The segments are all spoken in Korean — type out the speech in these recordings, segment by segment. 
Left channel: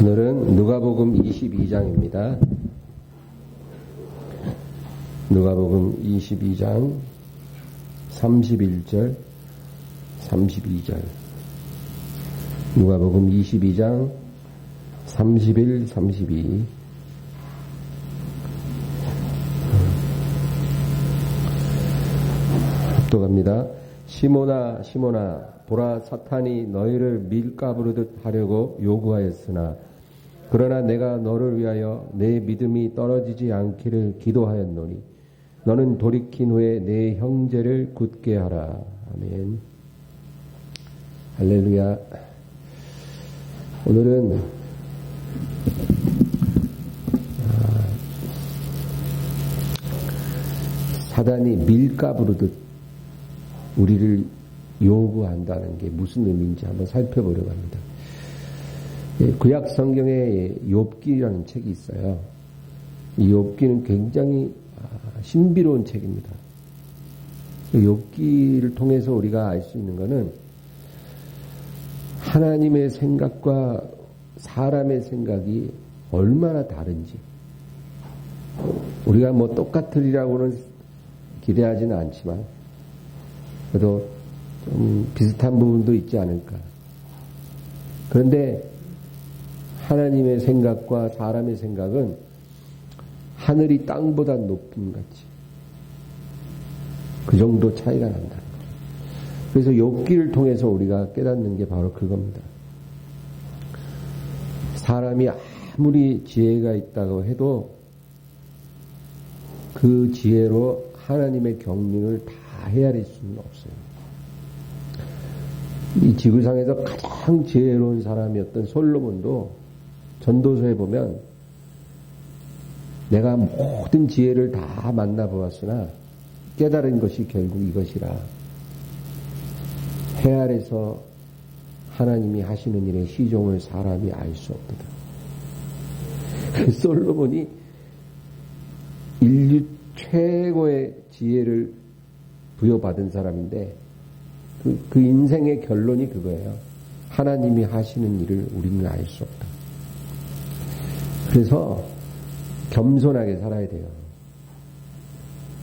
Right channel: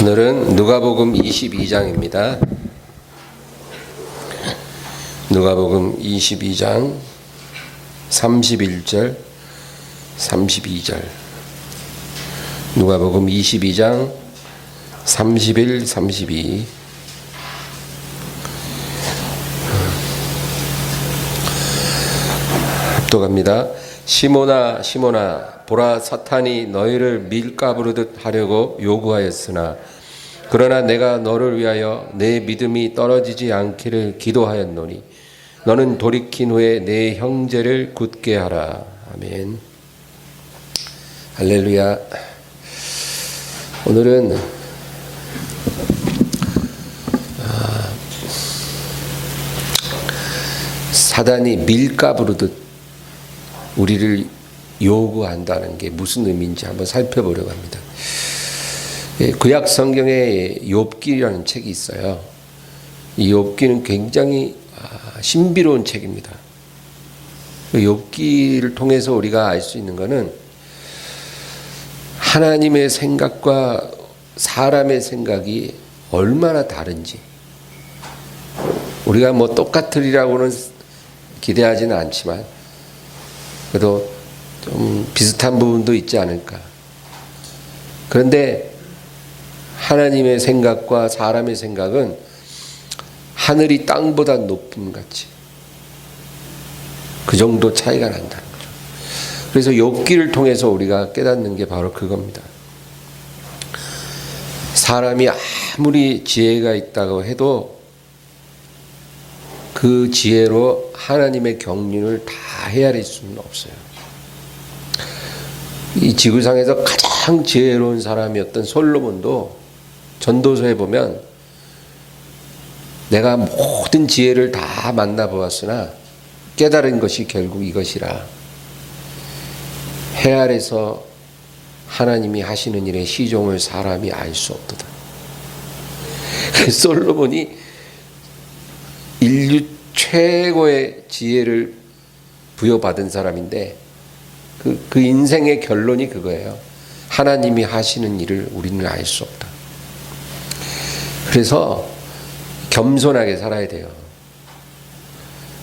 오늘은 누가복음 22장입니다. 누가복음 22장 31절 32절 누가복음 22장 31, 32 합독합니다. 시몬아 시몬아 보라 사탄이 너희를 밀가부르듯 하려고 요구하였으나 그러나 내가 너를 위하여 내 믿음이 떨어지지 않기를 기도하였노니 너는 돌이킨 후에 내 형제를 굳게 하라. 아멘. 할렐루야. 오늘은 사단이 밀가부르듯 우리를 요구한다는 게 무슨 의미인지 한번 살펴보려고 합니다. 구약 성경에 욥기라는 책이 있어요. 이 욥기는 굉장히 신비로운 책입니다. 욥기를 통해서 우리가 알 수 있는 것은 하나님의 생각과 사람의 생각이 얼마나 다른지, 우리가 뭐 똑같으리라고는 기대하지는 않지만 그래도 좀 비슷한 부분도 있지 않을까. 그런데 하나님의 생각과 사람의 생각은 하늘이 땅보다 높음 같이 그 정도 차이가 난다는 거죠. 그래서 욥기를 통해서 우리가 깨닫는 게 바로 그겁니다. 사람이 아무리 지혜가 있다고 해도 그 지혜로 하나님의 경륜을 다 헤아릴 수는 없어요. 이 지구상에서 가장 지혜로운 사람이었던 솔로몬도 전도서에 보면 내가 모든 지혜를 다 만나보았으나 깨달은 것이 결국 이것이라. 해 아래서 하나님이 하시는 일의 시종을 사람이 알 수 없도다. 솔로몬이 인류 최고의 지혜를 부여받은 사람인데 그 인생의 결론이 그거예요. 하나님이 하시는 일을 우리는 알 수 없다. 그래서 겸손하게 살아야 돼요.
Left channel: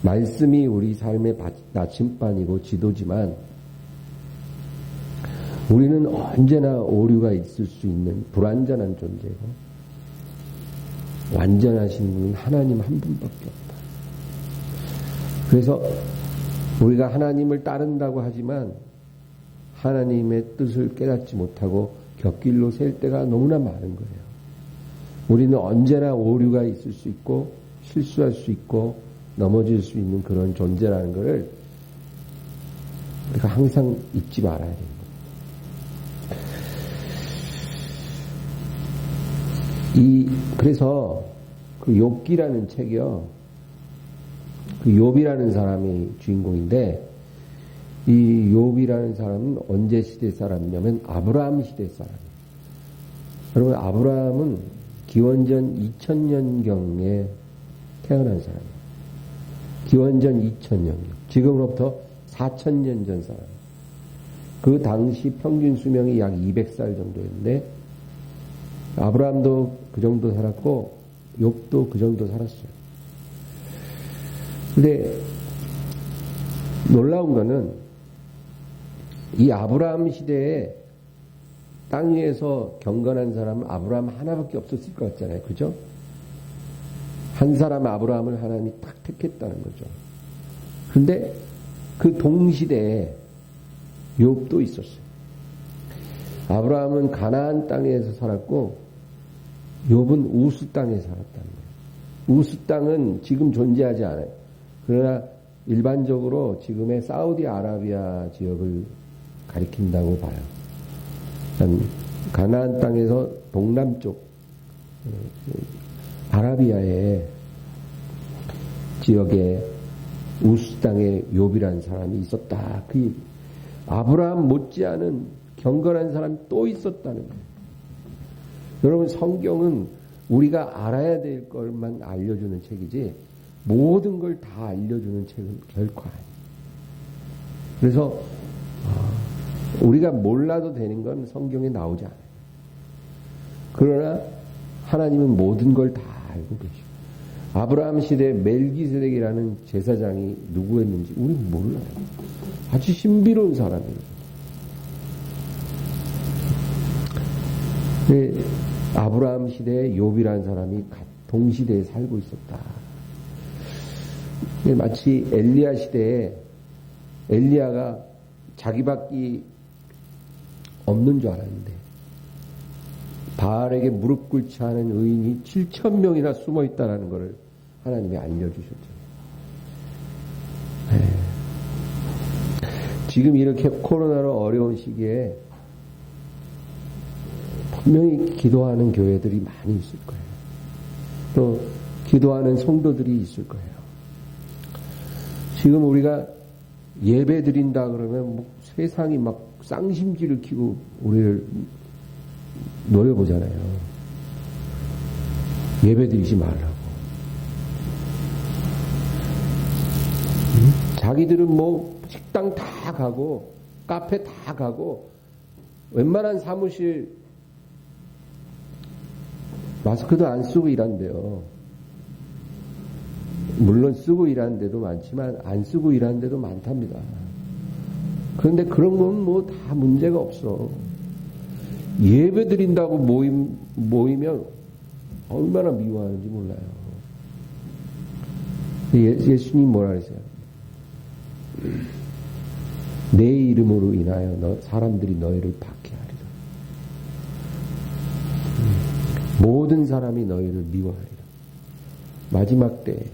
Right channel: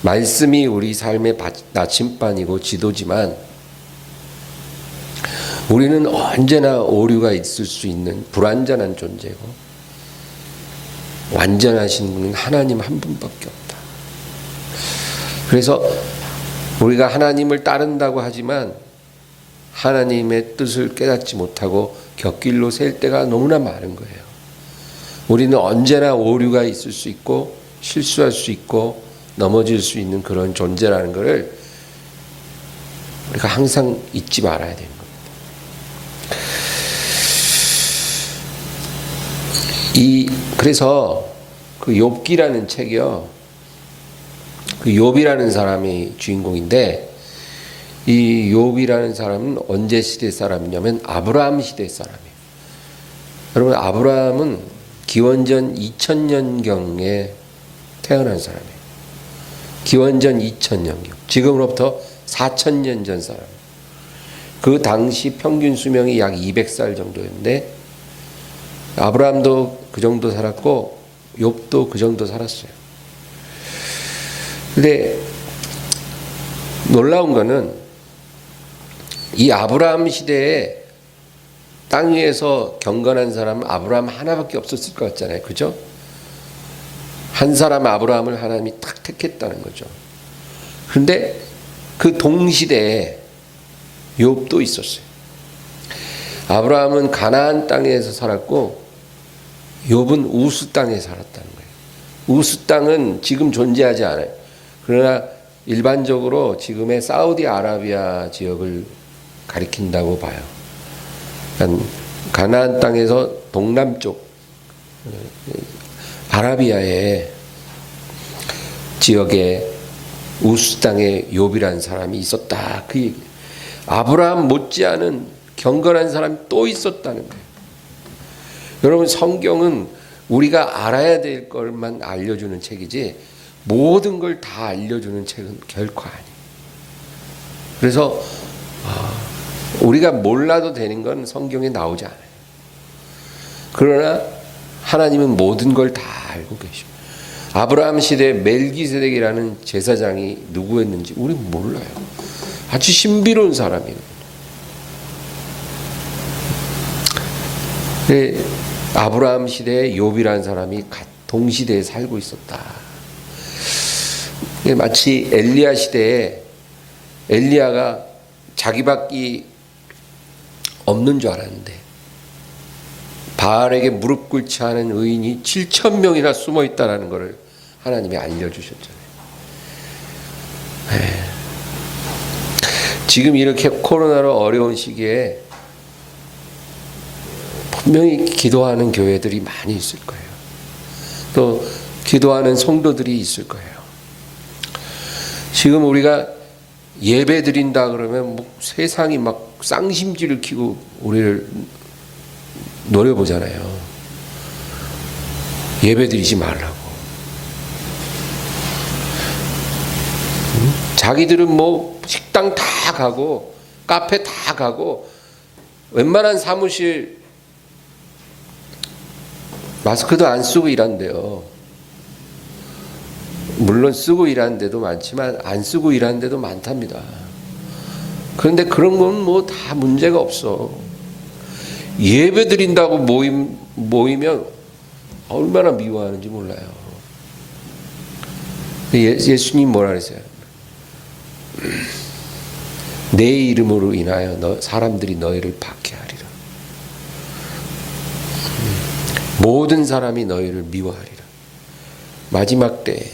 말씀이 우리 삶의 나침반이고 지도지만 우리는 언제나 오류가 있을 수 있는 불완전한 존재고 완전하신 분은 하나님 한 분밖에 없다. 그래서 우리가 하나님을 따른다고 하지만 하나님의 뜻을 깨닫지 못하고 곁길로 셀 때가 너무나 많은 거예요. 우리는 언제나 오류가 있을 수 있고 실수할 수 있고 넘어질 수 있는 그런 존재라는 것을 우리가 항상 잊지 말아야 되는 겁니다. 그래서 그 욥기라는 책이요, 그 욥이라는 사람이 주인공인데 이 욥이라는 사람은 언제 시대 사람이냐면 아브라함 시대 사람이에요. 여러분, 아브라함은 기원전 2000년경에 태어난 사람이에요. 기원전 2000년경. 지금으로부터 4000년 전 사람. 그 당시 평균 수명이 약 200살 정도였는데 아브라함도 그 정도 살았고 욥도 그 정도 살았어요. 근데 놀라운 거는 이 아브라함 시대에 땅 위에서 경건한 사람은 아브라함 하나밖에 없었을 것 같잖아요. 그죠? 한 사람 아브라함을 하나님이 딱 택했다는 거죠. 그런데 그 동시대에 욥도 있었어요. 아브라함은 가나안 땅에서 살았고 욥은 우스 땅에 살았다는 거예요. 우스 땅은 지금 존재하지 않아요. 그러나 일반적으로 지금의 사우디아라비아 지역을 가리킨다고 봐요. 그러니까 가나안 땅에서 동남쪽 아라비아의 지역에 우스 땅에 욥이라는 사람이 있었다. 그 얘기. 아브라함 못지않은 경건한 사람이 또 있었다는 거예요. 여러분, 성경은 우리가 알아야 될 것만 알려주는 책이지 모든 걸 다 알려주는 책은 결코 아니에요. 그래서 우리가 몰라도 되는 건 성경에 나오지 않아요. 그러나 하나님은 모든 걸 다 알고 계십니다. 아브라함 시대에 멜기세덱이라는 제사장이 누구였는지 우리는 몰라요. 아주 신비로운 사람이에요. 아브라함 시대에 욥이라는 사람이 동시대에 살고 있었다. 마치 엘리야 시대에 엘리야가 자기밖에 없는 줄 알았는데 바알에게 무릎 꿇지 않은 의인이 7,000명이나 숨어 있다는 것을 하나님이 알려주셨잖아요. 지금 이렇게 코로나로 어려운 시기에 분명히 기도하는 교회들이 많이 있을 거예요. 또 기도하는 성도들이 있을 거예요. 지금 우리가 예배 드린다 그러면 뭐 세상이 막 쌍심지를 키고 우리를 노려보잖아요. 예배 드리지 말라고. 자기들은 뭐 식당 다 가고 카페 다 가고 웬만한 사무실 마스크도 안 쓰고 일한대요. 물론 쓰고 일하는 데도 많지만 안 쓰고 일하는 데도 많답니다. 그런데 그런 건 뭐 다 문제가 없어. 예배 드린다고 모이면 얼마나 미워하는지 몰라요. 예수님 뭐라 그랬어요? 내 이름으로 인하여 사람들이 너희를 박해하리라. 모든 사람이 너희를 미워하리라. 마지막 때에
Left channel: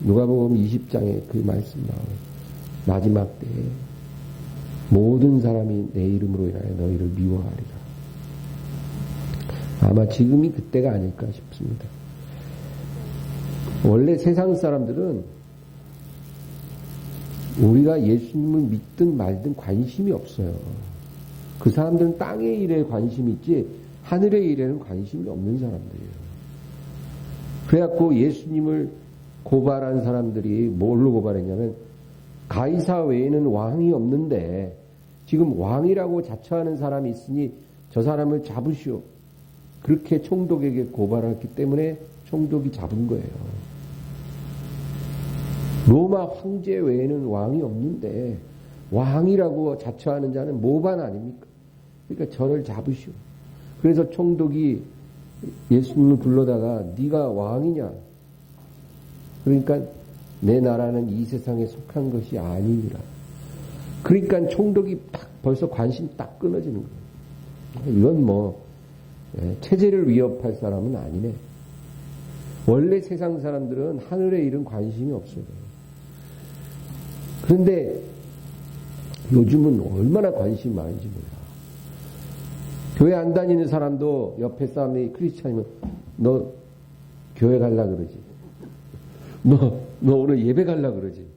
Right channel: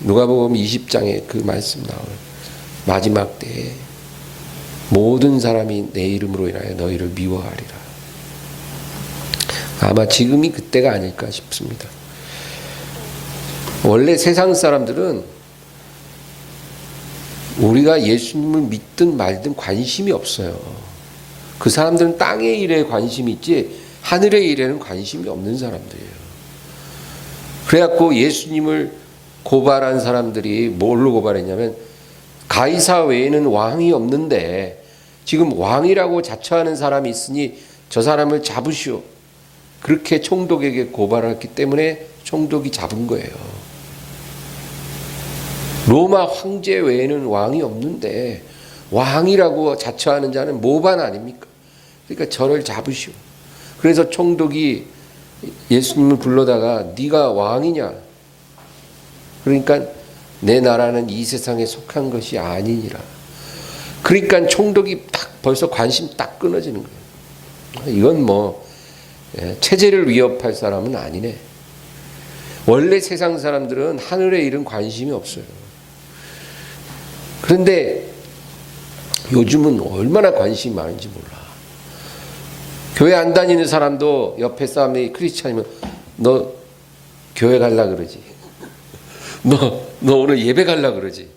누가복음 20장에 그 말씀 나와요. 마지막 때에 모든 사람이 내 이름으로 인하여 너희를 미워하리라. 아마 지금이 그때가 아닐까 싶습니다. 원래 세상 사람들은 우리가 예수님을 믿든 말든 관심이 없어요. 그 사람들은 땅의 일에 관심이 있지 하늘의 일에는 관심이 없는 사람들이에요. 그래갖고 예수님을 고발한 사람들이 뭘로 고발했냐면 가이사 외에는 왕이 없는데 지금 왕이라고 자처하는 사람이 있으니 저 사람을 잡으시오. 그렇게 총독에게 고발했기 때문에 총독이 잡은 거예요. 로마 황제 외에는 왕이 없는데 왕이라고 자처하는 자는 모반 아닙니까? 그러니까 저를 잡으시오. 그래서 총독이 예수님을 불러다가 네가 왕이냐? 그러니까 내 나라는 이 세상에 속한 것이 아니니라. 그러니까 총독이 딱 벌써 관심 딱 끊어지는 거예요. 이건 뭐 체제를 위협할 사람은 아니네. 원래 세상 사람들은 하늘의 일은 관심이 없어요. 그런데 요즘은 얼마나 관심이 많은지 몰라. 교회 안 다니는 사람도 옆에 사람이 크리스찬이면 너 교회 갈라 그러지. 너 오늘 예배 갈라 그러지.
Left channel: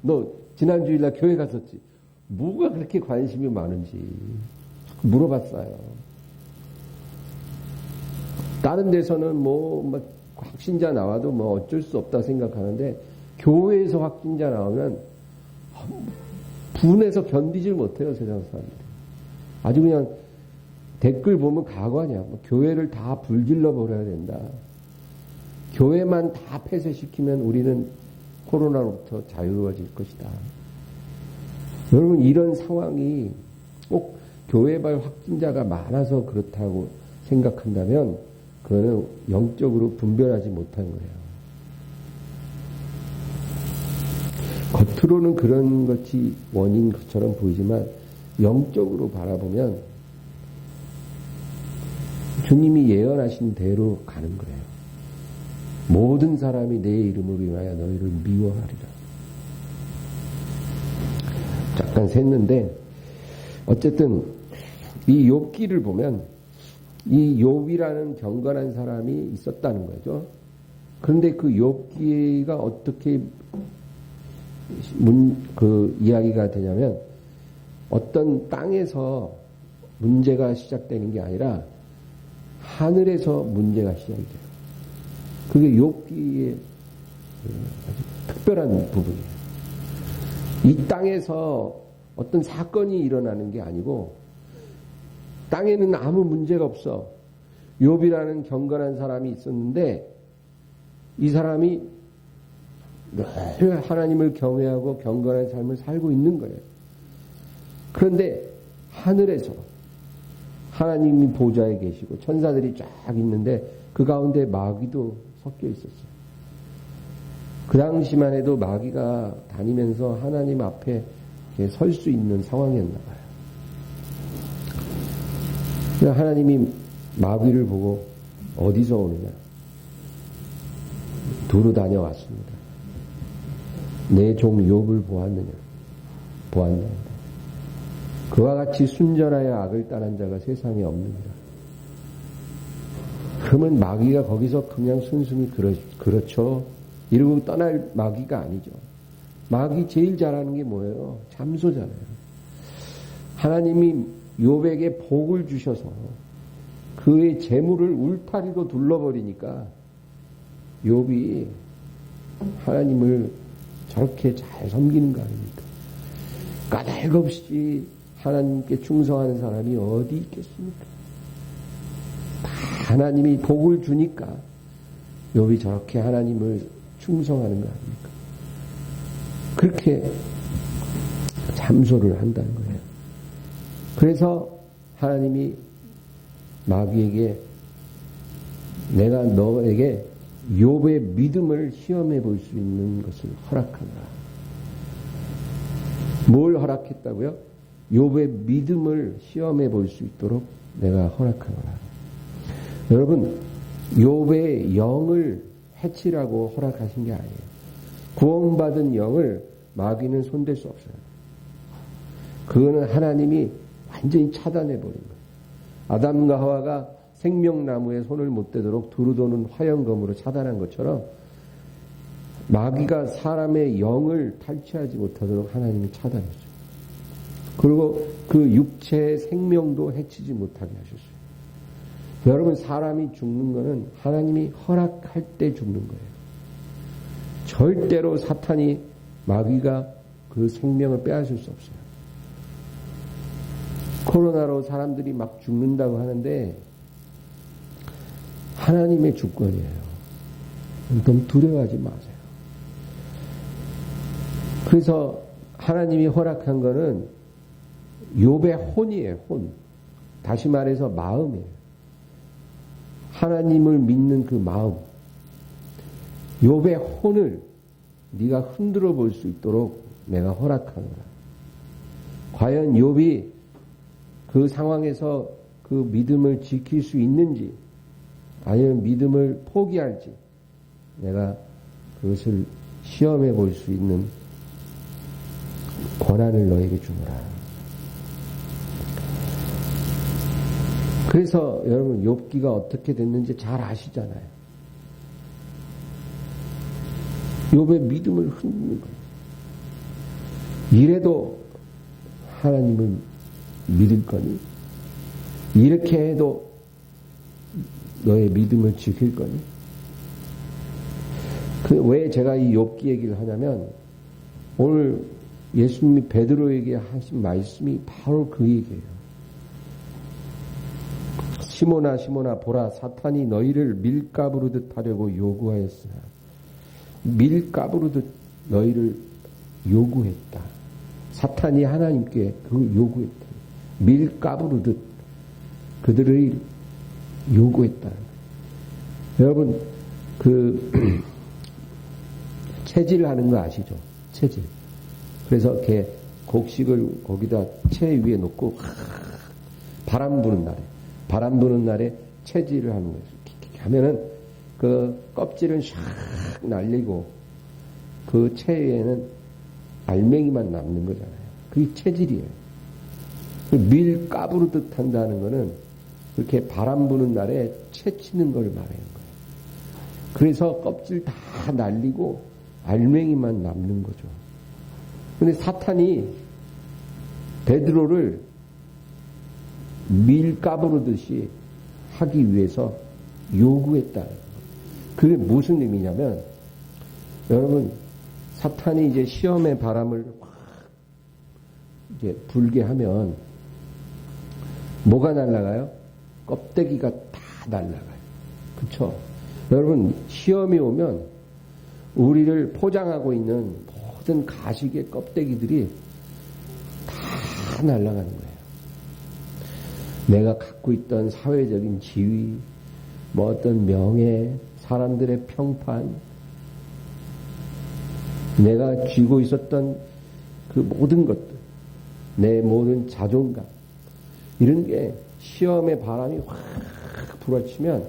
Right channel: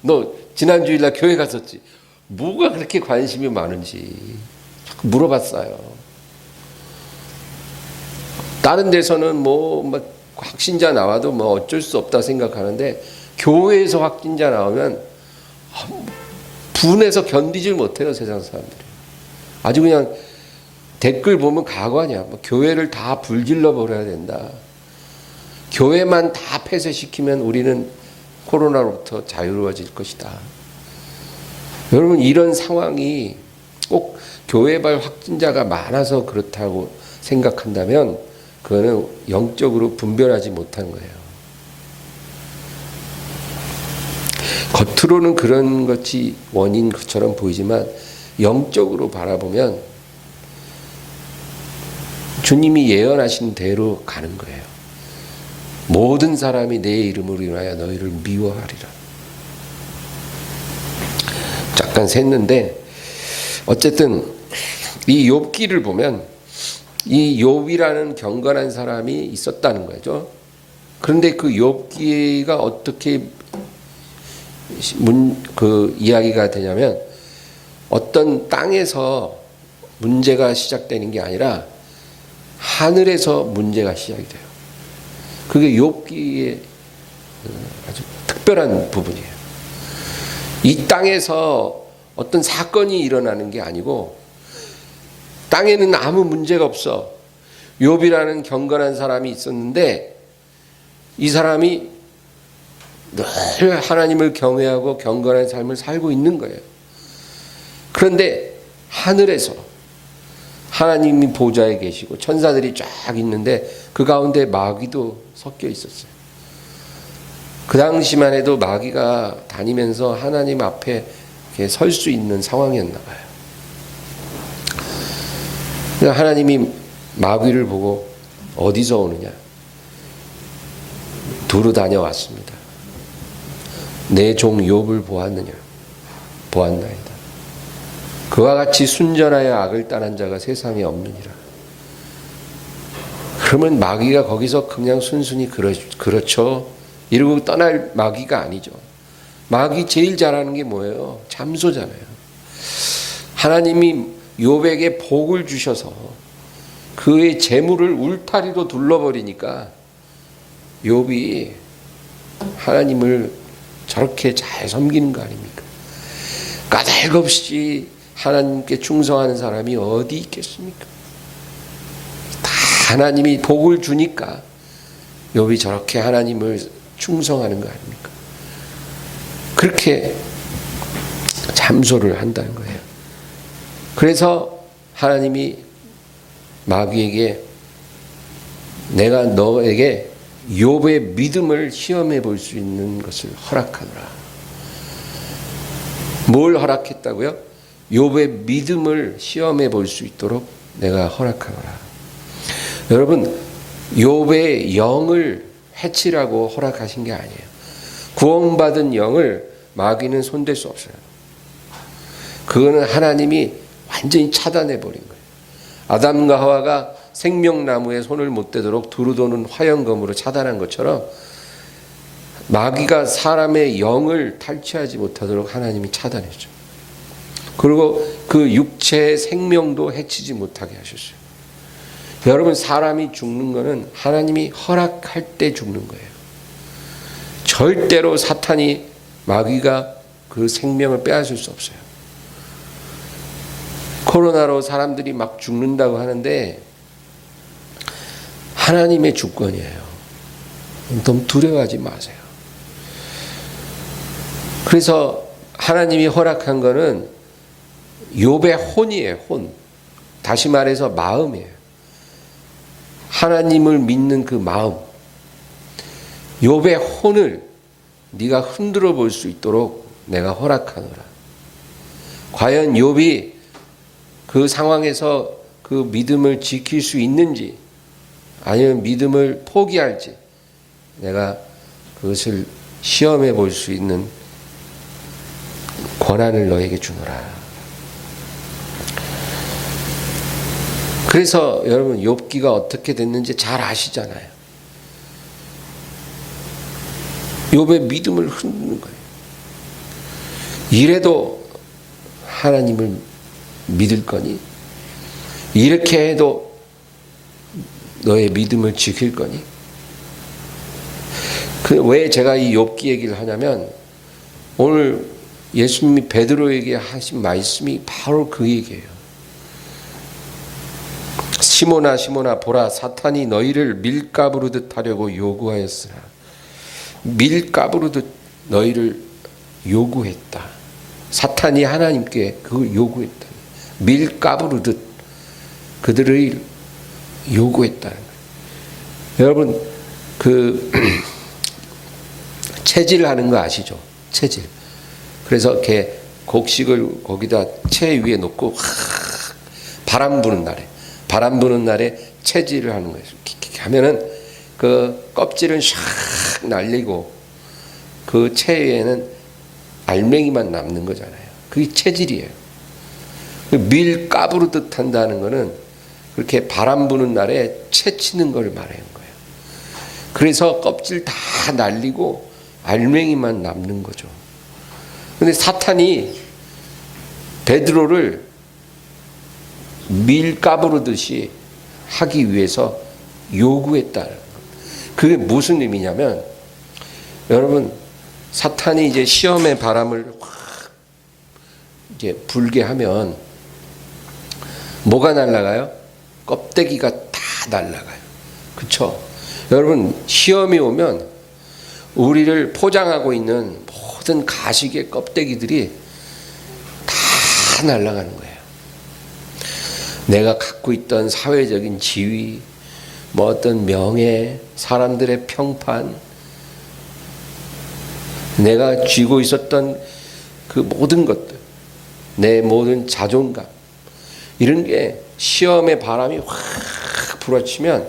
너 지난 주일날 교회 갔었지. 뭐가 그렇게 관심이 많은지 자꾸 물어봤어요. 다른 데서는 뭐 확신자 나와도 뭐 어쩔 수 없다 생각하는데 교회에서 확진자 나오면 분해서 견디질 못해요. 세상 사람들이. 아주 그냥 댓글 보면 가관이야. 뭐 교회를 다 불질러 버려야 된다. 교회만 다 폐쇄시키면 우리는 코로나로부터 자유로워질 것이다. 여러분 이런 상황이 꼭 교회발 확진자가 많아서 그렇다고 생각한다면 그거는 영적으로 분별하지 못한 거예요. 겉으로는 그런 것이 원인 것처럼 보이지만 영적으로 바라보면 주님이 예언하신 대로 가는 거예요. 모든 사람이 내 이름으로 인하여 너희를 미워하리라. 잠깐 샜는데 어쨌든 이 욥기를 보면 이 욥이라는 경건한 사람이 있었다는 거죠. 그런데 그 욥기가 어떻게 그 이야기가 되냐면 어떤 땅에서 문제가 시작되는 게 아니라 하늘에서 문제가 시작이 돼요. 그게 욥기의 아주 특별한 부분이에요. 이 땅에서 어떤 사건이 일어나는 게 아니고 땅에는 아무 문제가 없어. 욥이라는 경건한 사람이 있었는데 이 사람이 늘 하나님을 경외하고 경건한 삶을 살고 있는 거예요. 그런데 하늘에서 하나님이 보좌에 계시고 천사들이 쫙 있는데 그 가운데 마귀도 섞여 있었어요. 그 당시만 해도 마귀가 다니면서 하나님 앞에 설 수 있는 상황이었나 봐요. 하나님이 마귀를 보고 어디서 오느냐? 두루 다녀왔습니다. 내 종 욥을 보았느냐? 보았나이다. 그와 같이 순전하여 악을 떠난 자가 세상에 없느니라. 그러면 마귀가 거기서 그냥 순순히 그렇죠 이러고 떠날 마귀가 아니죠. 마귀 제일 잘하는 게 뭐예요? 잠소잖아요. 하나님이 욥에게 복을 주셔서 그의 재물을 울타리로 둘러버리니까 욥이 하나님을 저렇게 잘 섬기는 거 아닙니까? 까닭없이 하나님께 충성하는 사람이 어디 있겠습니까? 다 하나님이 복을 주니까 욥이 저렇게 하나님을 충성하는 거 아닙니까? 그렇게 잠소를 한다는 거예요. 그래서 하나님이 마귀에게 내가 너에게 욥의 믿음을 시험해 볼 수 있는 것을 허락하노라. 뭘 허락했다고요? 욥의 믿음을 시험해 볼 수 있도록 내가 허락하노라. 여러분, 욥의 영을 해치라고 허락하신 게 아니에요. 구원받은 영을 마귀는 손댈 수 없어요. 그거는 하나님이 완전히 차단해 버린 거예요. 아담과 하와가 생명나무에 손을 못 대도록 두루 도는 화영검으로 차단한 것처럼 마귀가 사람의 영을 탈취하지 못하도록 하나님이 차단했죠. 그리고 그 육체의 생명도 해치지 못하게 하셨어요. 여러분, 사람이 죽는 거는 하나님이 허락할 때 죽는 거예요. 절대로 사탄이 마귀가 그 생명을 빼앗을 수 없어요. 코로나로 사람들이 막 죽는다고 하는데 하나님의 주권이에요. 너무 두려워하지 마세요. 그래서 하나님이 허락한 거는 욥의 혼이에요. 혼. 다시 말해서 마음이에요. 하나님을 믿는 그 마음. 욥의 혼을 네가 흔들어 볼 수 있도록 내가 허락하노라. 과연 욥이 그 상황에서 그 믿음을 지킬 수 있는지 아니면 믿음을 포기할지 내가 그것을 시험해 볼 수 있는 권한을 너에게 주노라. 그래서 여러분, 욥기가 어떻게 됐는지 잘 아시잖아요. 욥의 믿음을 흔드는 거예요. 이래도 하나님을 믿을 거니? 이렇게 해도 너의 믿음을 지킬 거니? 왜 제가 이 욥기 얘기를 하냐면 오늘 예수님이 베드로에게 하신 말씀이 바로 그 얘기예요. 시몬아 시몬아 보라, 사탄이 너희를 밀가부르듯 하려고 요구하였으나 밀가부르듯 너희를 요구했다. 사탄이 하나님께 그걸 요구했다. 밀가부르듯 그들을 요구했다는 거예요. 여러분, 그 채질하는 거 아시죠? 채질. 그래서 이렇게 곡식을 거기다 채 위에 놓고 바람 부는 날에 채질을 하는 거예요. 이렇게 하면은 그 껍질은 샥 날리고 그 채 위에는 알맹이만 남는 거잖아요. 그게 채질이에요. 밀 까부르듯 한다는 거는 그렇게 바람 부는 날에 채 치는 걸 말하는 거예요. 그래서 껍질 다 날리고 알맹이만 남는 거죠. 근데 사탄이 베드로를 밀 까부르듯이 하기 위해서 요구했다는 거예요. 그게 무슨 의미냐면, 여러분, 사탄이 이제 시험의 바람을 확 이제 불게 하면 뭐가 날아가요? 껍데기가 다 날아가요. 그렇죠? 여러분, 시험이 오면 우리를 포장하고 있는 모든 가식의 껍데기들이 다 날아가는 거예요. 내가 갖고 있던 사회적인 지위, 뭐 어떤 명예, 사람들의 평판, 내가 쥐고 있었던 그 모든 것들, 내 모든 자존감, 이런 게 시험의 바람이 확 불어치면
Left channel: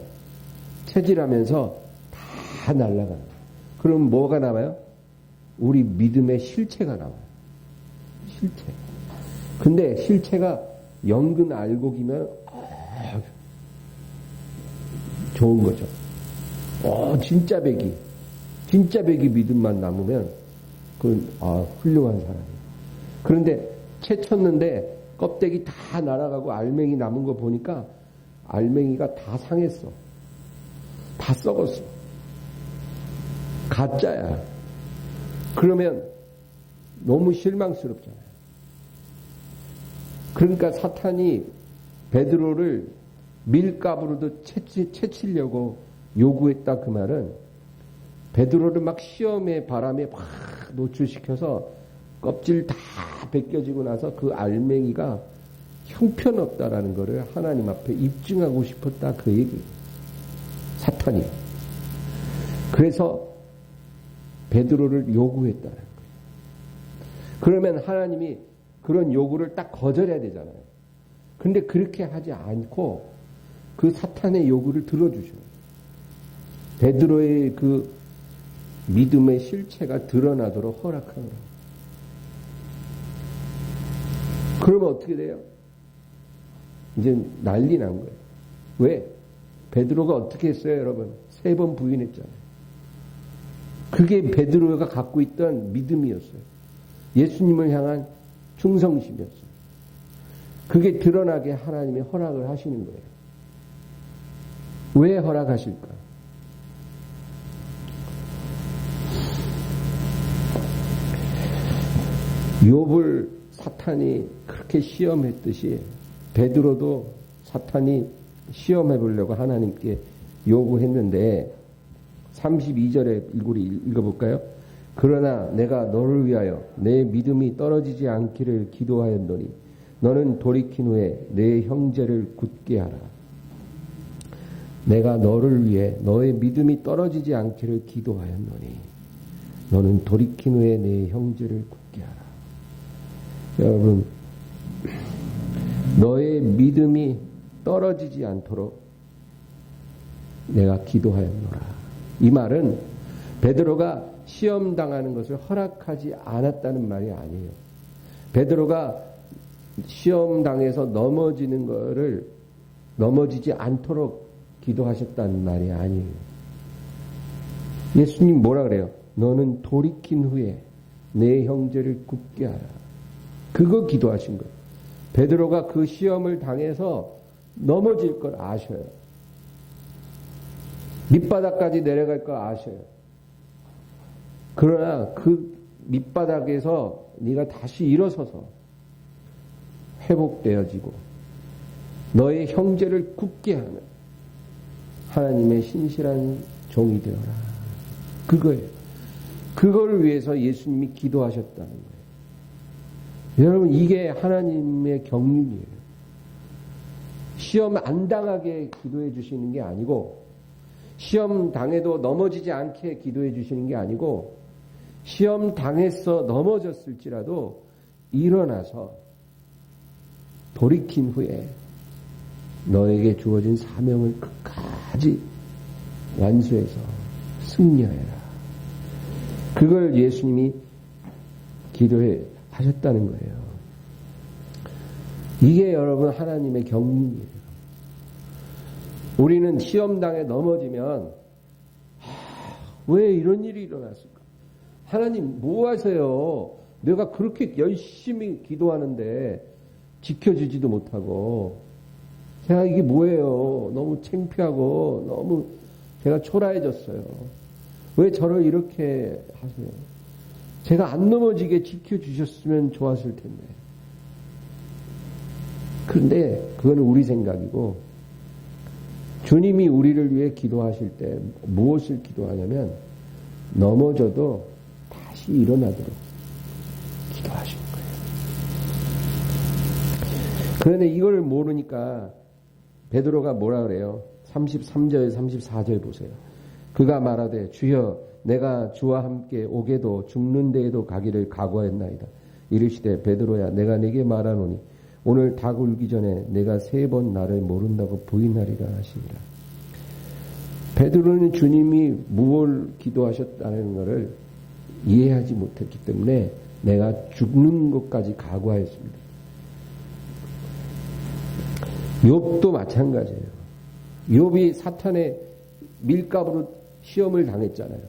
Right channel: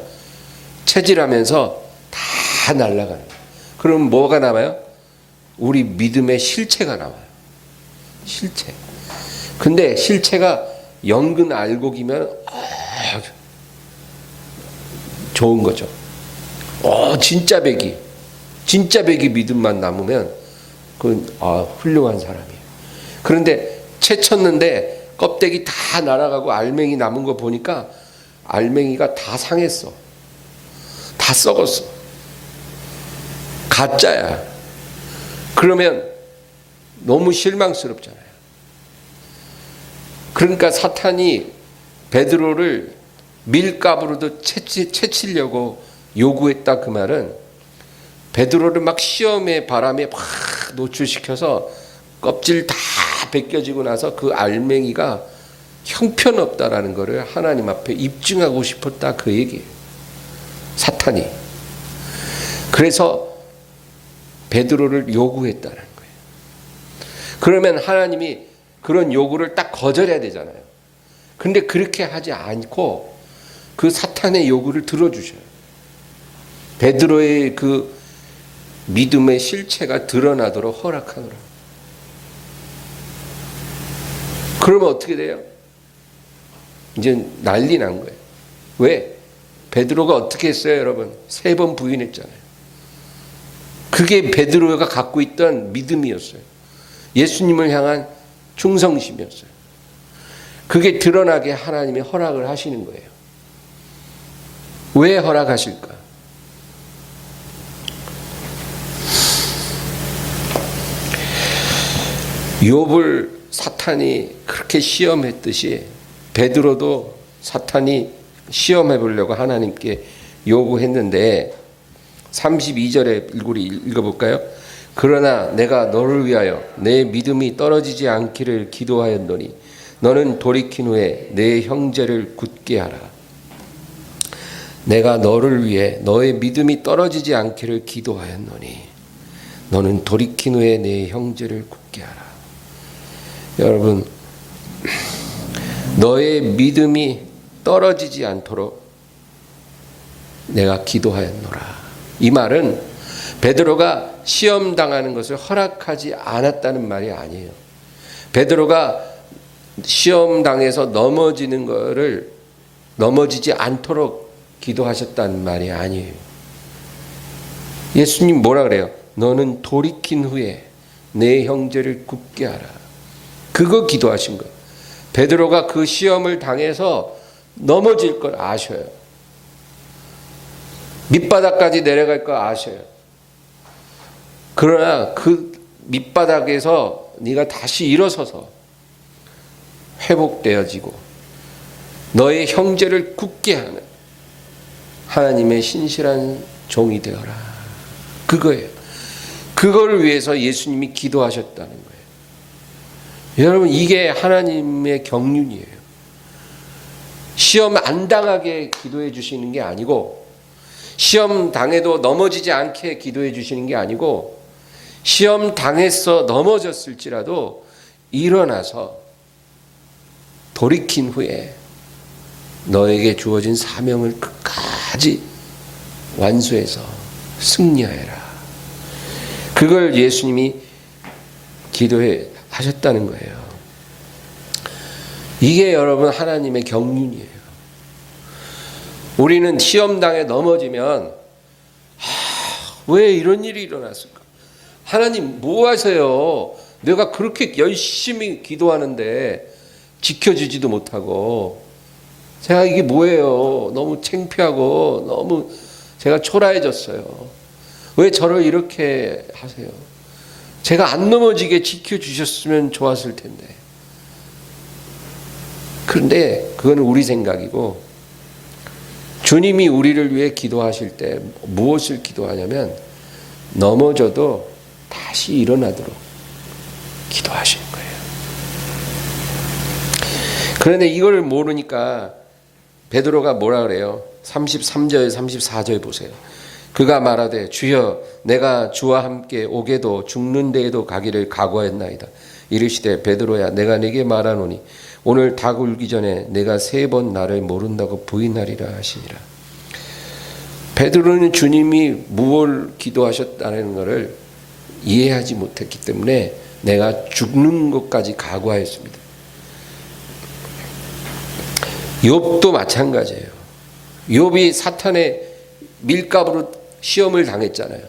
체질하면서 다 날아가는 거예요. 그럼 뭐가 남아요? 우리 믿음의 실체가 나와요. 실체. 근데 실체가 연근 알곡이면 좋은 거죠. 진짜 백이 믿음만 남으면 그건 훌륭한 사람이에요. 그런데 채 쳤는데 껍데기 다 날아가고 알맹이 남은 거 보니까 알맹이가 다 상했어. 다 썩었어. 가짜야. 그러면 너무 실망스럽잖아요. 그러니까 사탄이 베드로를 밀가부로도 채치려고 요구했다, 그 말은 베드로를 막 시험의 바람에 막 노출시켜서 껍질 다 벗겨지고 나서 그 알맹이가 형편없다라는 것을 하나님 앞에 입증하고 싶었다, 그 얘기예요. 사탄이. 그래서 베드로를 요구했다는 거예요. 그러면 하나님이 그런 요구를 딱 거절해야 되잖아요. 근데 그렇게 하지 않고 그 사탄의 요구를 들어주셔요. 베드로의 그 믿음의 실체가 드러나도록 허락하노라. 그러면 어떻게 돼요? 이제 난리 난 거예요. 왜? 베드로가 어떻게 했어요, 여러분? 3번 부인했잖아요. 그게 베드로가 갖고 있던 믿음이었어요. 예수님을 향한 충성심이었어요. 그게 드러나게 하나님이 허락을 하시는 거예요. 왜 허락하실까? 욥을 사탄이 그렇게 시험했듯이 베드로도 사탄이 시험해 보려고 하나님께 요구했는데 32절에 읽어볼까요? 그러나 내가 너를 위하여 내 믿음이 떨어지지 않기를 기도하였노니 너는 돌이킨 후에 내 형제를 굳게 하라. 내가 너를 위해 너의 믿음이 떨어지지 않기를 기도하였노니 너는 돌이킨 후에 내 형제를 굳게 하라. 여러분, 너의 믿음이 떨어지지 않도록 내가 기도하였노라. 이 말은 베드로가 시험 당하는 것을 허락하지 않았다는 말이 아니에요. 베드로가 시험 당해서 넘어지지 않도록 기도하셨다는 말이 아니에요. 예수님 뭐라 그래요? 너는 돌이킨 후에 내 형제를 굳게 하라. 그거 기도하신 거예요. 베드로가 그 시험을 당해서 넘어질 걸 아셔요. 밑바닥까지 내려갈 걸 아셔요. 그러나 그 밑바닥에서 네가 다시 일어서서 회복되어지고 너의 형제를 굳게 하는 하나님의 신실한 종이 되어라. 그거예요. 그걸 위해서 예수님이 기도하셨다는 거예요. 여러분, 이게 하나님의 경륜이에요. 시험 안 당하게 기도해 주시는 게 아니고, 시험 당해도 넘어지지 않게 기도해 주시는 게 아니고, 시험 당해서 넘어졌을지라도 일어나서 돌이킨 후에 너에게 주어진 사명을 끝까지 완수해서 승리하여라. 그걸 예수님이 기도해 하셨다는 거예요. 이게 여러분 하나님의 경륜이에요. 우리는 시험당에 넘어지면 왜 이런 일이 일어났을까? 하나님 뭐 하세요? 내가 그렇게 열심히 기도하는데 지켜주지도 못하고, 제가 이게 뭐예요? 너무 창피하고 너무 제가 초라해졌어요. 왜 저를 이렇게 하세요? 제가 안 넘어지게 지켜주셨으면 좋았을 텐데. 그런데 그건 우리 생각이고, 주님이 우리를 위해 기도하실 때 무엇을 기도하냐면 넘어져도 다시 일어나도록 기도하시는 거예요. 그런데 이걸 모르니까 베드로가 뭐라 그래요? 33절 34절 보세요. 그가 말하되 주여 내가 주와 함께 오게도 죽는 데에도 가기를 각오했나이다. 이르시되 베드로야 내가 네게 말하노니 오늘 닭 울기 전에 내가 3번 나를 모른다고 부인하리라 하시니라. 베드로는 주님이 무엇을 기도하셨다는 것을 이해하지 못했기 때문에 내가 죽는 것까지 각오하였습니다. 욥도 마찬가지예요. 욥이 사탄의 밀가부로 시험을 당했잖아요.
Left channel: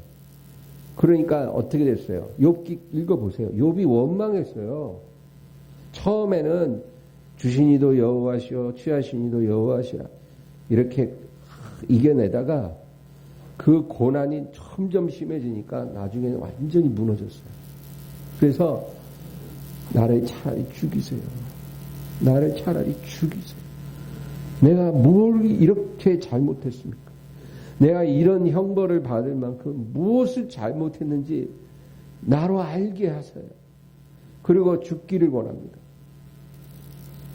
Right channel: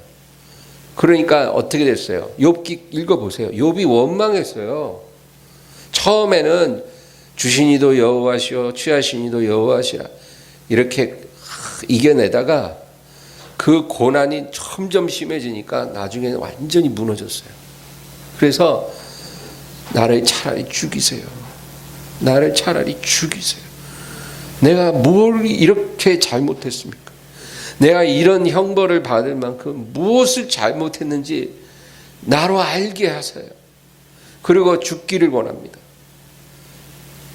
그러니까 어떻게 됐어요? 욥기 읽어보세요. 욥이 원망했어요. 처음에는 주신이도 여호와시오 취하신이도 여호와시라 이렇게 이겨내다가 그 고난이 점점 심해지니까 나중에는 완전히 무너졌어요. 그래서 나를 차라리 죽이세요. 나를 차라리 죽이세요. 내가 뭘 이렇게 잘못했습니까? 내가 이런 형벌을 받을 만큼 무엇을 잘못했는지 나로 알게 하세요. 그리고 죽기를 원합니다.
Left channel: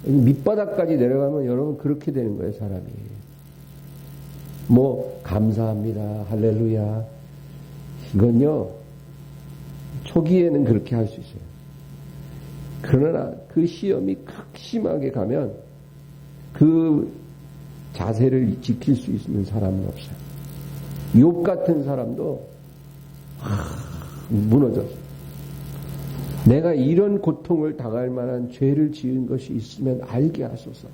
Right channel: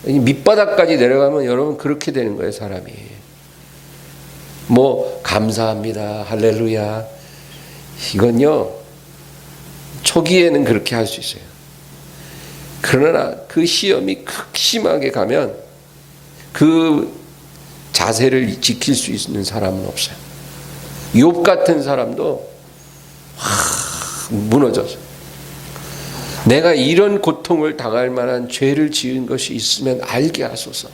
밑바닥까지 내려가면 여러분 그렇게 되는 거예요, 사람이. 뭐 감사합니다, 할렐루야. 이건요 초기에는 그렇게 할 수 있어요. 그러나 그 시험이 극심하게 가면 그 자세를 지킬 수 있는 사람은 없어요. 욥 같은 사람도 무너져서 내가 이런 고통을 당할 만한 죄를 지은 것이 있으면 알게 하소서.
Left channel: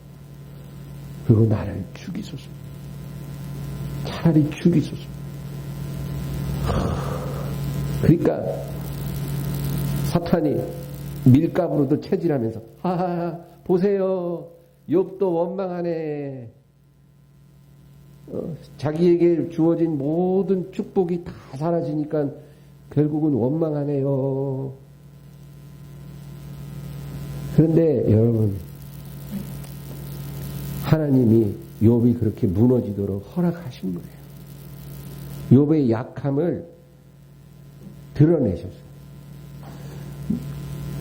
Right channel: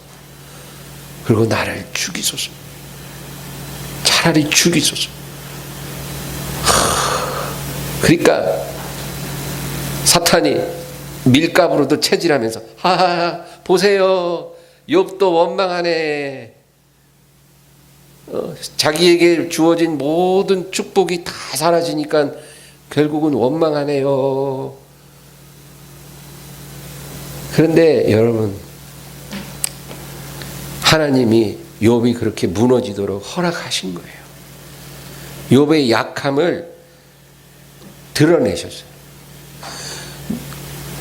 그리고 나를 죽이소서. 차라리 죽이소서. 그러니까 사탄이 밀가부로도 체질하면서 하하 보세요. 욥도 원망하네. 자기에게 주어진 모든 축복이 다 사라지니까 결국은 원망하네요. 그런데 여러분 하나님이 욥이 그렇게 무너지도록 허락하신 거예요. 욥의 약함을 드러내셨어요.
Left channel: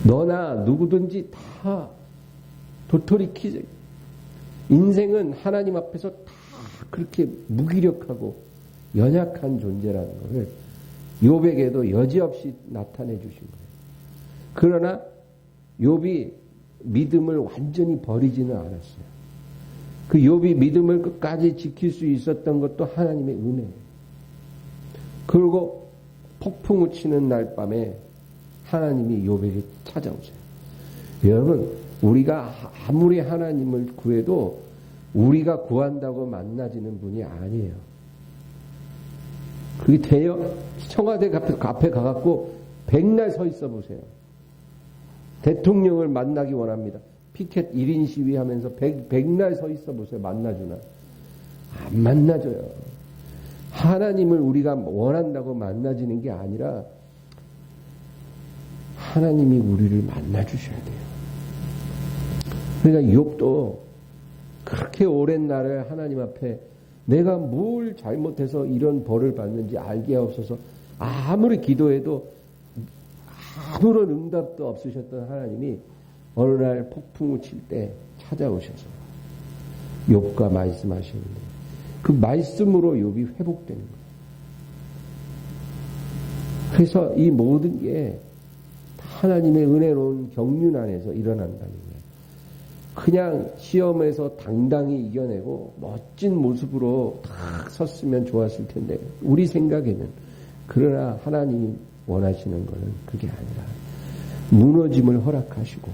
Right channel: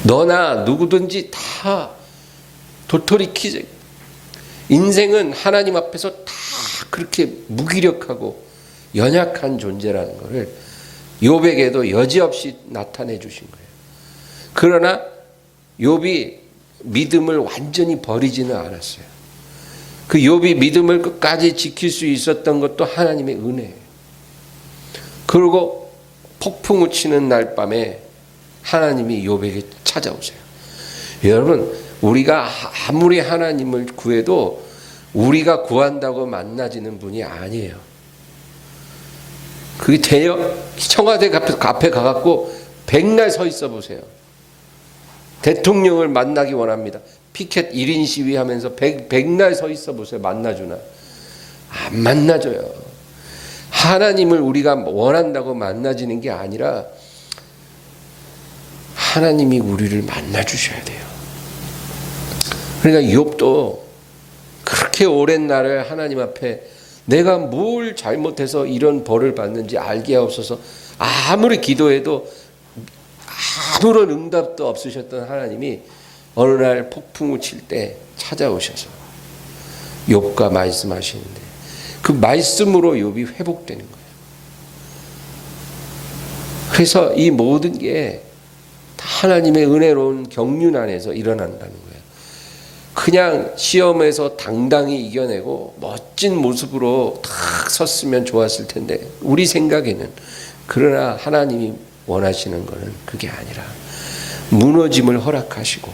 너나 누구든지 다 도토리 키즈 인생은 하나님 앞에서 다 그렇게 무기력하고 연약한 존재라는 것을 욥에게도 여지없이 나타내 주신 거예요. 그러나 욥이 믿음을 완전히 버리지는 않았어요. 그 욥이 믿음을 끝까지 지킬 수 있었던 것도 하나님의 은혜예요. 그리고 폭풍우 치는 날 밤에 하나님이 욥에게 찾아오세요. 여러분 우리가 아무리 하나님을 구해도 우리가 구한다고 만나지는 분이 아니에요. 그게 돼요? 청와대 앞에 가갖고 백날 서 있어 보세요. 대통령을 만나기 원합니다. 피켓 1인 시위하면서 백날 서 있어 보세요. 만나주나? 안 만나줘요. 하나님을 우리가 원한다고 만나지는 게 아니라 하나님이 우리를 만나주셔야 돼요. 그러니까 욥도 그렇게 오랜 날을 하나님 앞에 내가 뭘 잘못해서 이런 벌을 받는지 알게 하옵소서. 아무리 기도해도 아무런 응답도 없으셨던 하나님이 어느 날 폭풍을 칠 때 찾아오셔서 욥과 말씀하시는데 그 말씀으로 욥이 회복되는 거예요. 그래서 이 모든 게 다 하나님의 은혜로운 경륜 안에서 일어난다는 거예요. 그냥 시험에서 당당히 이겨내고 멋진 모습으로 탁 섰으면 좋았을 텐데 우리 생각에는 그러나 하나님이 원하시는 것은 그게 아니라 무너짐을 허락하시고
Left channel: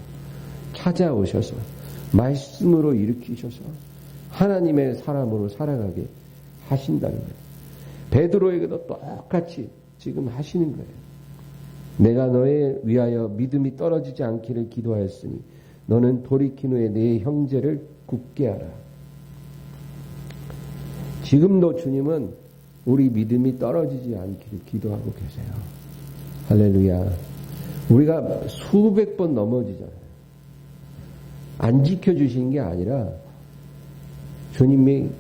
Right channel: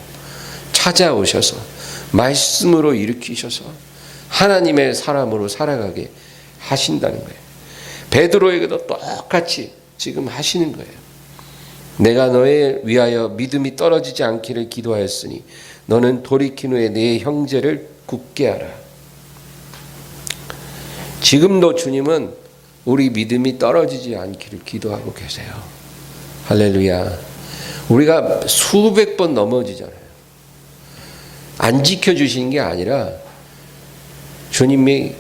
찾아오셔서 말씀으로 일으키셔서 하나님의 사람으로 살아가게 하신다는 거예요. 베드로에게도 똑같이 지금 하시는 거예요. 내가 너에 위하여 믿음이 떨어지지 않기를 기도하였으니 너는 돌이킨 후에 네 형제를 굳게 하라. 지금도 주님은 우리 믿음이 떨어지지 않기를 기도하고 계세요. 할렐루야. 우리가 수백 번 넘어지잖아요. 안 지켜주신 게 아니라 주님이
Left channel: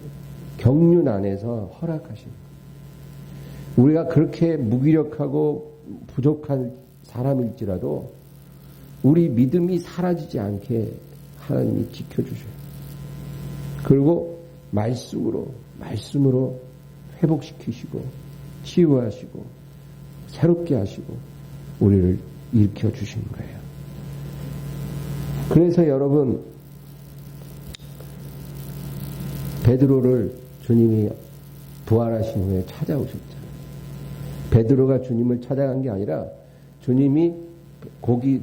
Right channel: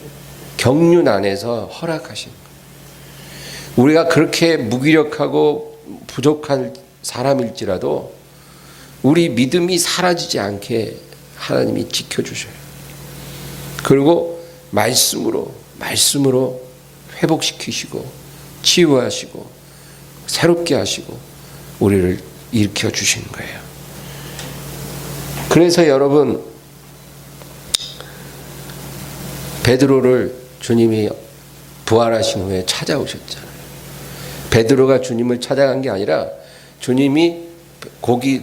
경륜 안에서 허락하신 거예요. 우리가 그렇게 무기력하고 부족한 사람일지라도 우리 믿음이 사라지지 않게 하나님이 지켜주셔요. 그리고 말씀으로 회복시키시고 치유하시고 새롭게 하시고 우리를 일으켜 주시는 거예요. 그래서 여러분, 베드로를 주님이 부활하신 후에 찾아오셨잖아요. 베드로가 주님을 찾아간 게 아니라 주님이 고기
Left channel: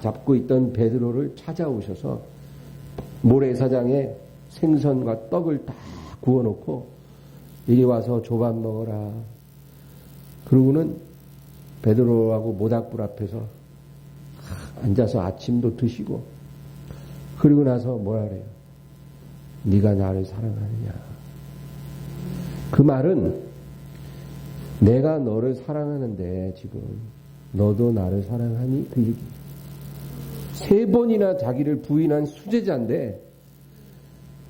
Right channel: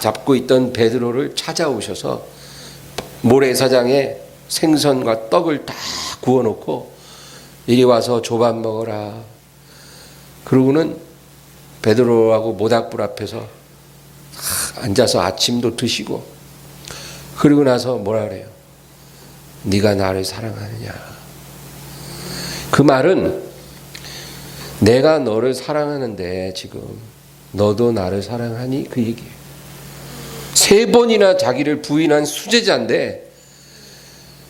잡고 있던 베드로를 찾아오셔서 모래사장에 생선과 떡을 다 구워놓고 이리 와서 조밥 먹어라. 그러고는 베드로하고 모닥불 앞에서 앉아서 아침도 드시고, 그러고 나서 뭐라 그래요? 네가 나를 사랑하느냐. 그 말은 내가 너를 사랑하는데 지금 너도 나를 사랑하니? 그 얘기예요. 3번이나 자기를 부인한 수제자인데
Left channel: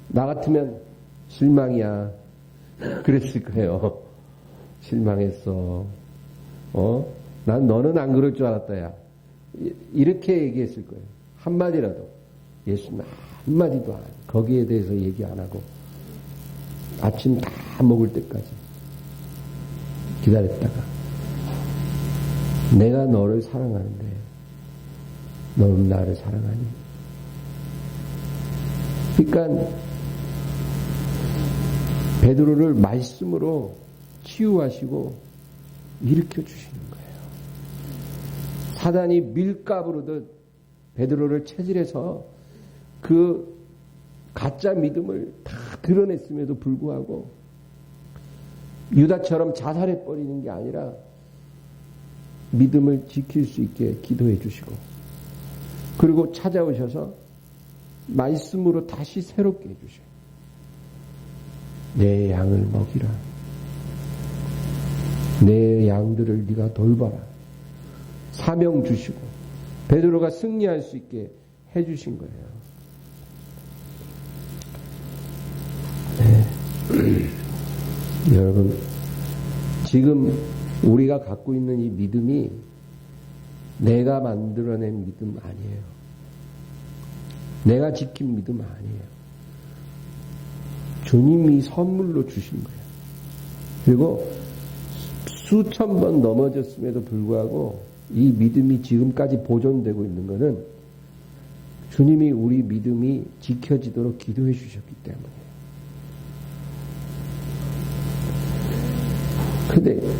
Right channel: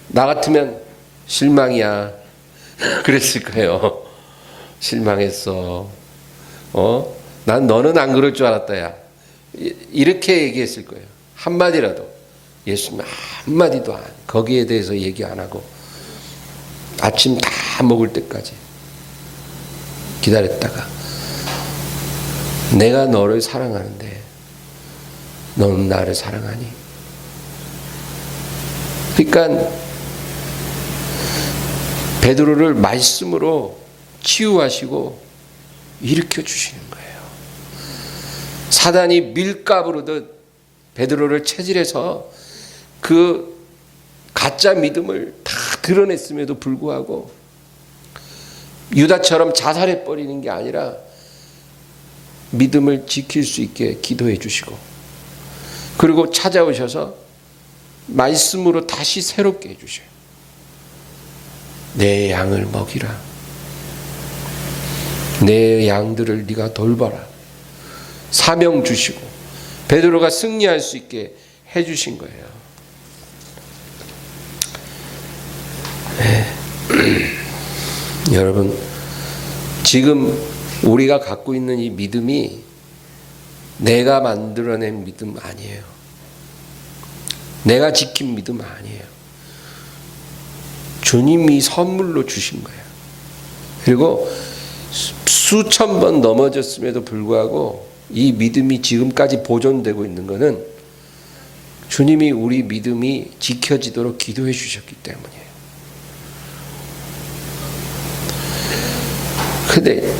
나 같으면 실망이야. 그랬을 거예요. 실망했어. 난 너는 안 그럴 줄 알았다, 야. 이렇게 얘기했을 거예요. 한마디라도. 예수님 한마디도 거기에 대해서 얘기 안 하고 아침 다 먹을 때까지 기다렸다가 내가 너를 사랑하는데 너는 나를 사랑하니? 그러니까 베드로를 말씀으로 치유하시고 일으켜 주시는 거예요. 사단이 밀가부르듯 베드로를 체질해서 그 가짜 믿음을 다 드러냈음에도 불구하고 유다처럼 자살해 버리는 게 아니라 믿음을 지킬 수 있게 기도해 주시고, 그리고 찾아오셔서 말씀으로 다시 새롭게 해 주셔요. 내 양을 먹이라. 내 양들을 네가 돌봐라. 사명 주시고 베드로가 승리할 수 있게 해 주신 거예요. 여러분, 지금 우리가 갖고 있는 이 믿음이 내가 만들어낸 믿음 아니에요. 내가 지킨 믿음 아니에요. 주님이 선물로 주신 거예요. 그리고 수천 번 넘어졌음에도 불구하고 이 믿음이 지금까지 보존되고 있는 것은 주님이 우리 믿음이 지켜지도록 기도해 주셨기 때문이에요. 근데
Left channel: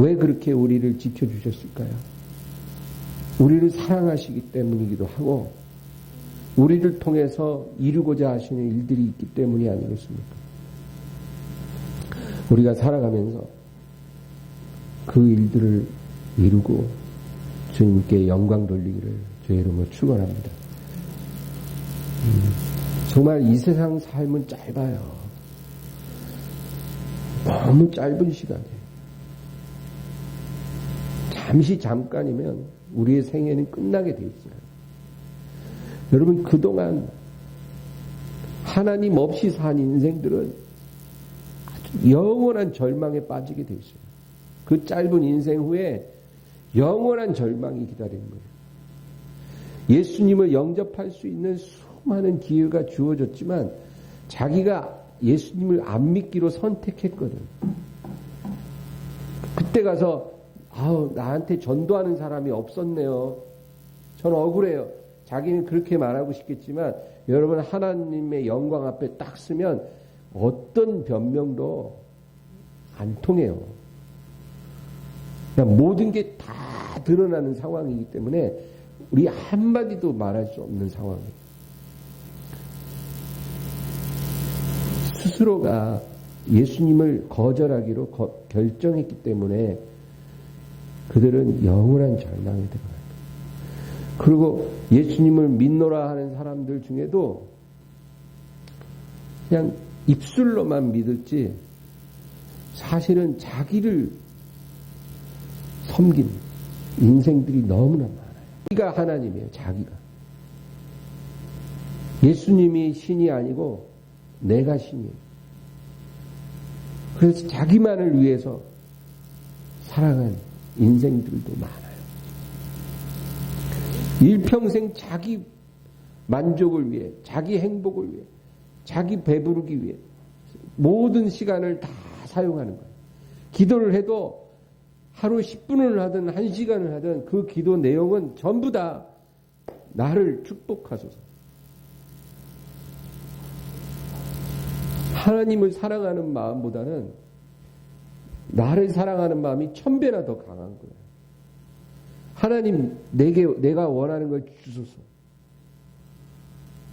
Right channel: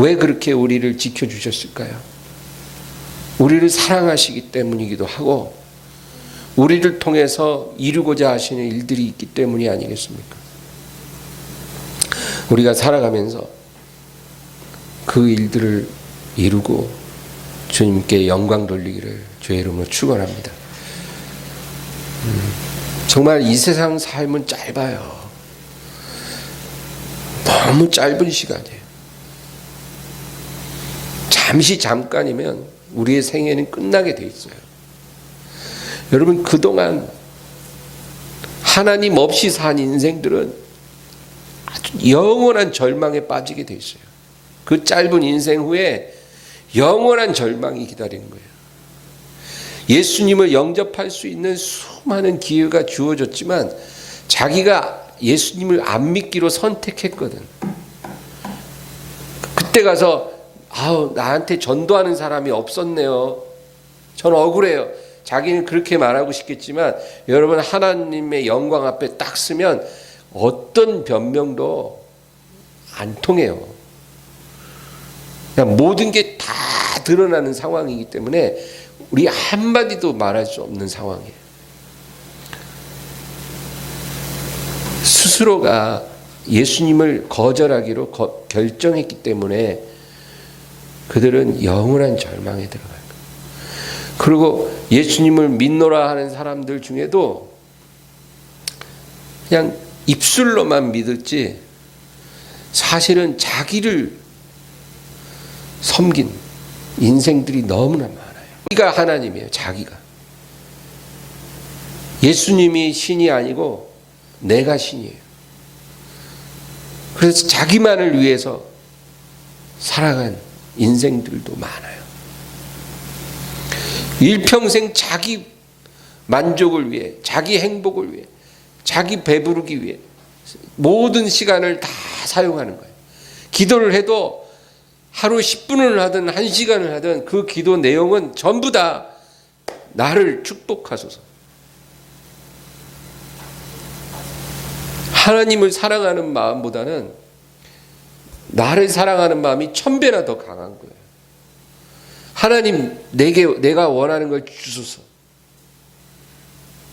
왜 그렇게 우리를 지켜주셨을까요? 우리를 사랑하시기 때문이기도 하고 우리를 통해서 이루고자 하시는 일들이 있기 때문이 아니겠습니까? 우리가 살아가면서 그 일들을 이루고 주님께 영광 돌리기를 주의 이름으로 축원합니다. 정말 이 세상 삶은 짧아요. 너무 짧은 시간이에요. 잠깐이면 우리의 생애는 끝나게 돼 있어요. 여러분, 그동안 하나님 없이 산 인생들은 아주 영원한 절망에 빠지게 돼 있어요. 그 짧은 인생 후에 영원한 절망이 기다리는 거예요. 예수님을 영접할 수 있는 수많은 기회가 주어졌지만 자기가 예수님을 안 믿기로 선택했거든. 그때 가서 나한테 전도하는 사람이 없었네요. 전 억울해요. 자기는 그렇게 말하고 싶겠지만 여러분, 하나님의 영광 앞에 딱 서면 어떤 변명도 안 통해요. 그냥 모든 게 다 드러나는 상황이기 때문에 우리 한마디도 말할 수 없는 상황이에요. 스스로가 예수님을 거절하기로 결정했기 때문에 그들은 영원한 절망에 들어가요. 그리고 예수님을 믿노라 하는 사람들 중에도 그냥 입술로만 믿었지 사실은 자기를 섬긴 인생들이 너무나 많아요. 자기가 하나님이에요. 자기가. 예수님이 신이 아니고 내가 신이에요. 그래서 자기만을 위해서 살아간 인생들도 많아요. 일평생 자기 만족을 위해, 자기 행복을 위해, 자기 배부르기 위해 모든 시간을 다 사용하는 거예요. 기도를 해도 하루 10분을 하든 1시간을 하든 그 기도 내용은 전부 다 나를 축복하소서. 하나님을 사랑하는 마음보다는 나를 사랑하는 마음이 1000배나 더 강한 거예요. 하나님, 내가 원하는 걸 주소서.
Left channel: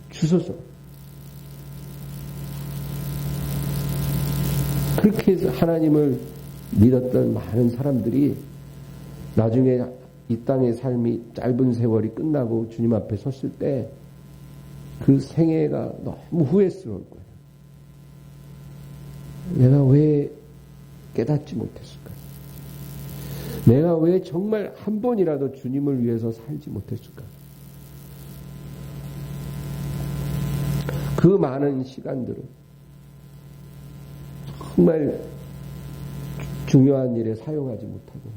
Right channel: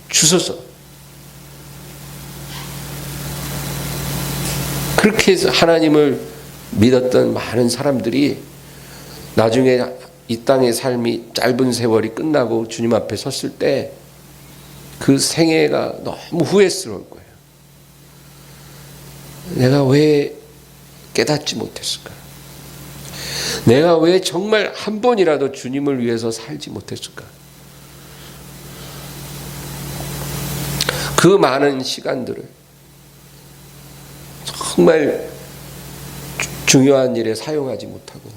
주소서. 그렇게 해서 하나님을 믿었던 많은 사람들이 나중에 이 땅의 삶이 짧은 세월이 끝나고 주님 앞에 섰을 때 그 생애가 너무 후회스러울 거예요. 내가 왜 깨닫지 못했을까? 내가 왜 정말 한 번이라도 주님을 위해서 살지 못했을까? 그 많은 시간들을 정말 중요한 일에 사용하지 못하고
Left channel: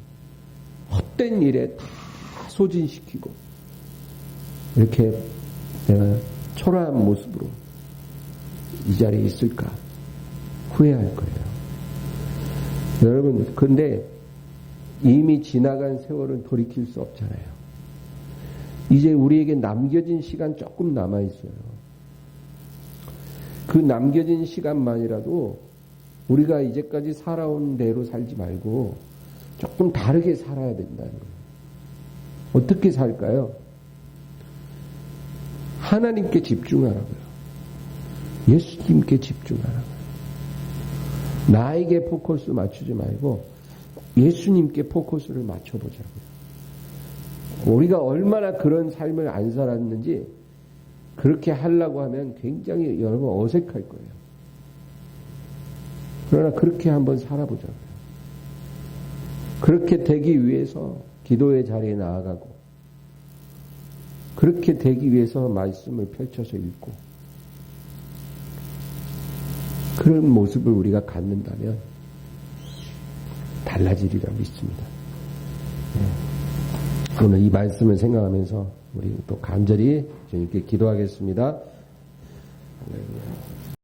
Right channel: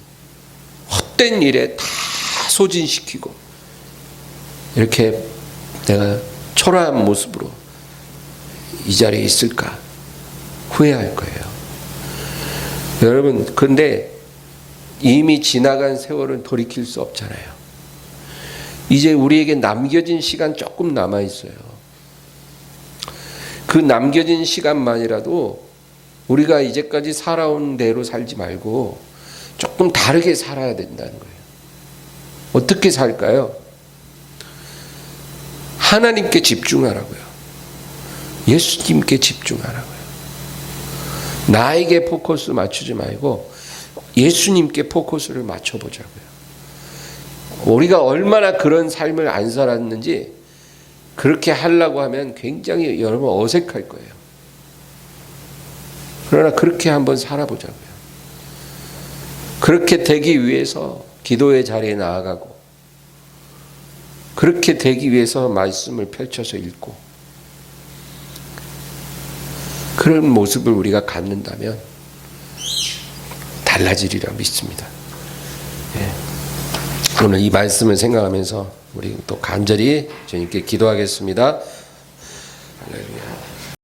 헛된 일에 다 소진시키고 이렇게 내가 초라한 모습으로 이 자리에 있을까 후회할 거예요. 여러분, 근데 이미 지나간 세월은 돌이킬 수 없잖아요. 이제 우리에게 남겨진 시간 조금 남아 있어요. 그 남겨진 시간만이라도 우리가 이제까지 살아온 대로 살지 말고 조금 다르게 살아야 된다는 거예요. 어떻게 살까요? 하나님께 집중하라고요. 예수님께 집중하라고요. 나에게 포커스 맞추지 말고 예수님께 포커스를 맞춰보자고요. 우리가 얼마나 그런 삶을 안 살았는지 그렇게 하려고 하면 굉장히 여러분 어색할 거예요. 그러나 그렇게 한번 살아보자고요. 그렇게 되기 위해서 기도의 자리에 나아가고 그렇게 되기 위해서 말씀을 펼쳐서 읽고 그런 모습을 우리가 갖는다면 달라지리라 믿습니다. 예. 오늘 이 말씀을 생각하면서 우리 또 간절히 주님께 기도하겠습니다. 할렐루야.